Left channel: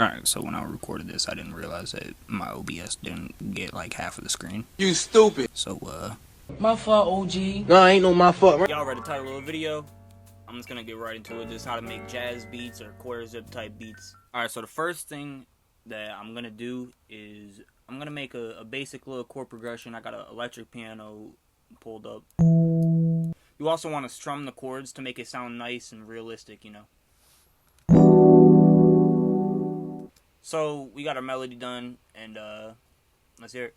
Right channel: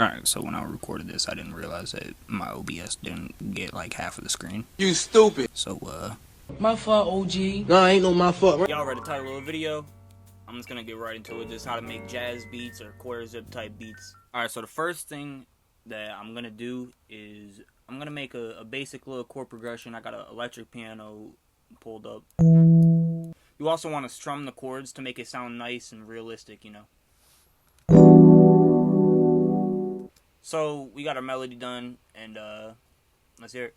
Alright, so when I recorded this, I didn't realize that my OBS didn't get like half of the screen. You stupid. So, My fault, OG. No, ain't no my fault. y'all read the title of the video. I'm just gonna get right into it. Just how to make jazz beats or quarter zip type beats. Alright, so the first thing that I'm gonna do is I'm gonna make a basic little chord progression. I got an electric piano pulled up. You also want to strum the chords to make it sound nice and realistic, you know. So we got our melody done, and let's hear it.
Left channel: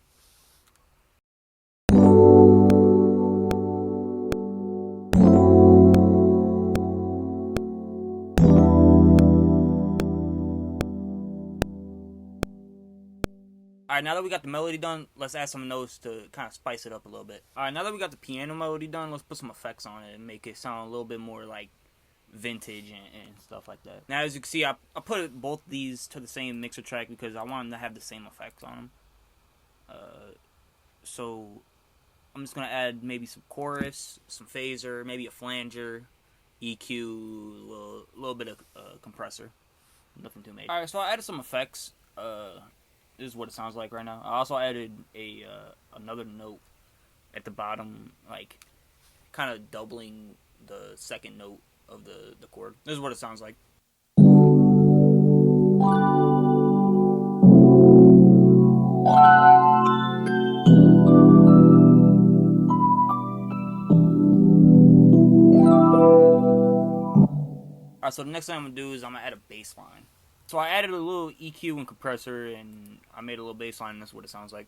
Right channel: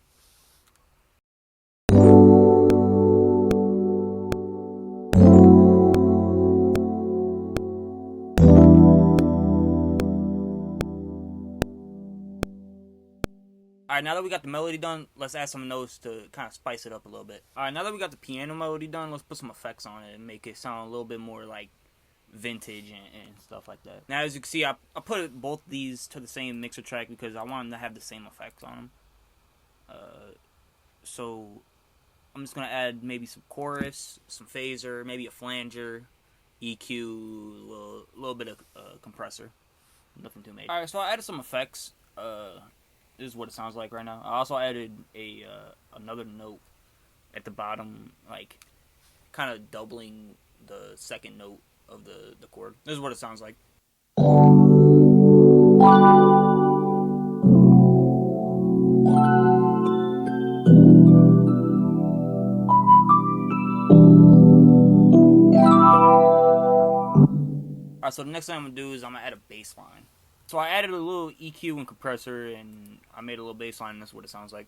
Alright, now that we got the melody done, let's add some notes to kind of spice it up a little bit. Alright, now that we got the piano melody done, let's put some effects on it and make it sound a little bit more like vintage and stuff like that. Now, as you can see, I put both these to the same mixer track because I want them to have the same effects on them. So I'm just going to add maybe some chorus, some phaser, maybe a flanger, EQ, a little bit of compressor. Nothing too major. Alright, so I added some effects. This is what it sounds like right now. I also added another note at the bottom, like kind of doubling the second note of the chord. This is what it sounds like. Alright, so the next thing I'm going to do is I'm going to add a bass line. So I added a little EQ and compressor, and I made a little bass line, and that's what it sounds like.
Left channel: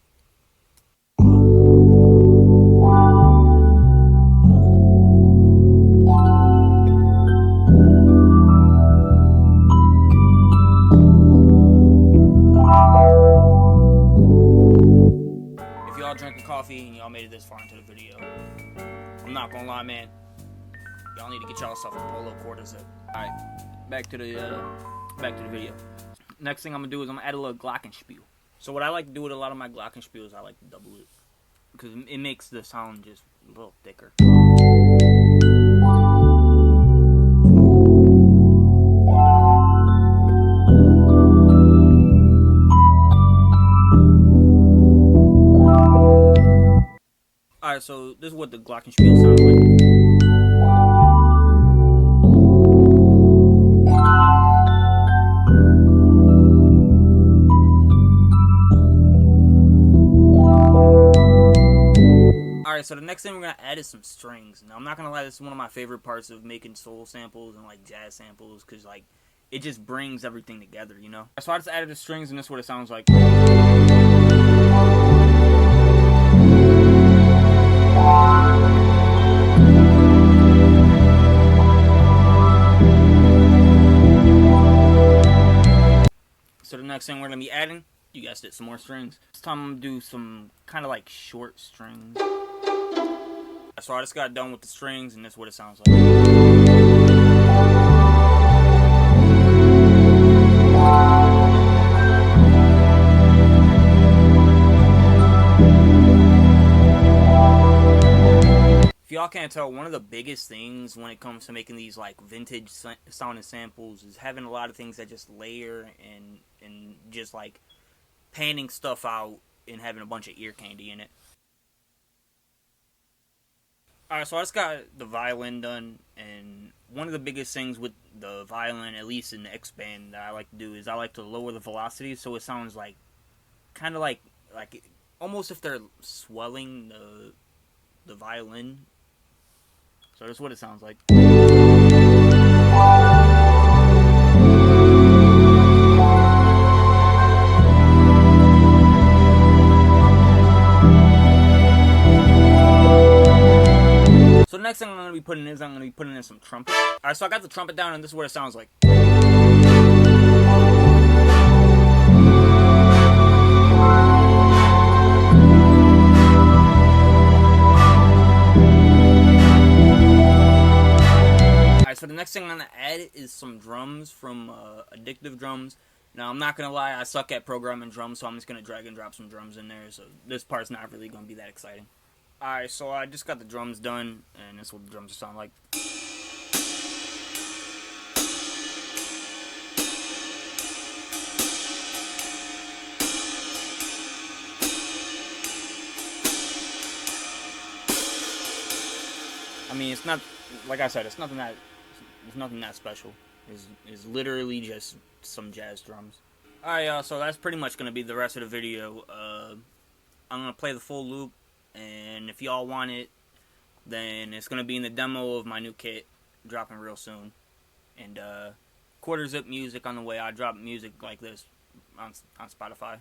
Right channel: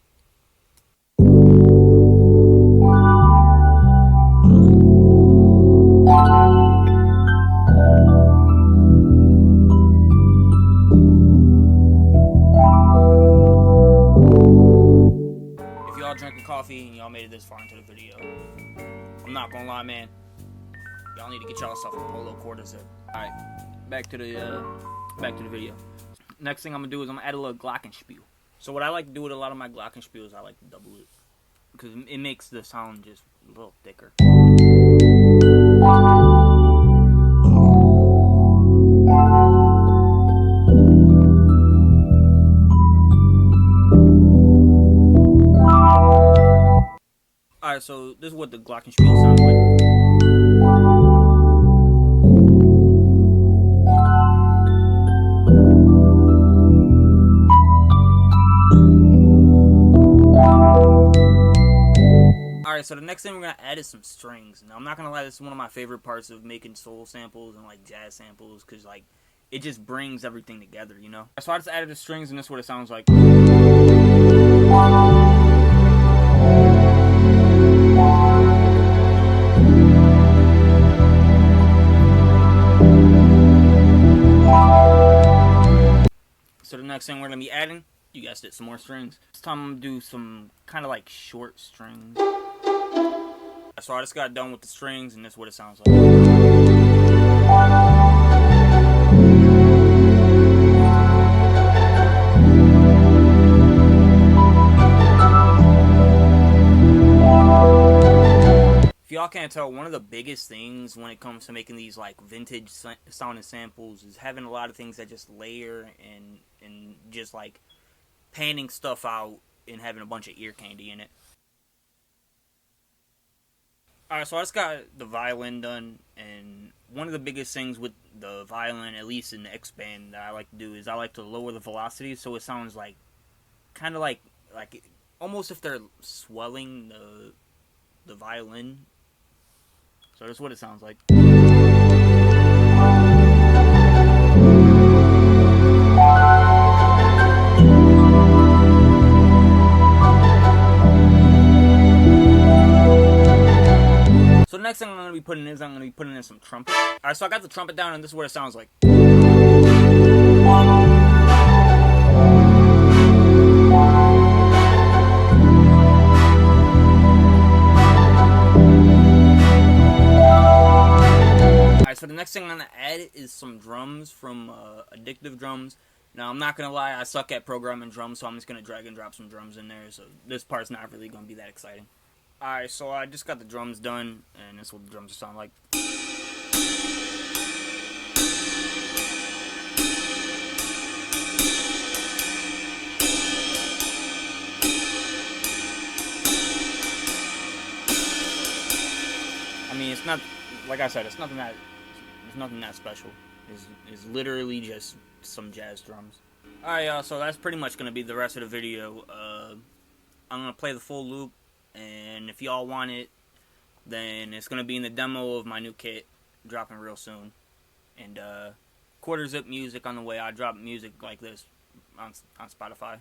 If y'all drinking coffee and y'all made it this far into the video, I'm not gonna lie, man. Y'all need to get y'all stuff a polo quarter zip. Alright, back to the video. Next thing I'm gonna do is I'm gonna add a little glockenspiel. So what I like to do with a lot of my glockenspiel is I like to double it because it makes the sound just a little thicker. Alright, so this is what the glockenspiel sounds like. Alright, so the next thing we're going to add is some strings. Now, I'm not going to lie, this is one of my favorite parts of making soul samples and, like, jazz samples, because, like, it just brings everything together, you know? So I just added the strings, and this is what it sounds like. So the next thing we're going to be adding, you guessed it, some more strings. This time I'm going to do some kind of, like, short strings. So I just got done with the strings, and that's what it sounds like. If y'all can't tell, one of the biggest things when it comes to making these like vintage sounding samples is having a lot of things that just layer and just like panning stuff out and having a bunch of ear candy in it. Alright, so I just got the violin done, and one of the biggest things with the violin, at least in the X band, that I like to do is I like to lower the velocity so it sounds like, kind of like almost if they're swelling the violin. So that's what it sounds like. So the next thing I'm going to be putting in is I'm going to be putting in some trumpet. Alright, so I got the trumpet down, and this is what it sounds like. Alright, so the next thing I'm going to add is some drums from Addictive Drums. Now, I'm not going to lie, I suck at programming drums, so I'm just going to drag and drop some drums in there. So this part's not really going to be that exciting. Alright, so I just got the drums done, and this is what the drums sound like. mean, it's not, like I said, it's nothing that special. It's literally just some jazz drums. Alright, so that's pretty much going to be the rest of the video. I'm going to play the full loop, and if y'all want it, then it's going to be in the demo of my new kit, dropping real soon. And quarter zip music on the way. I drop music like this on Spotify.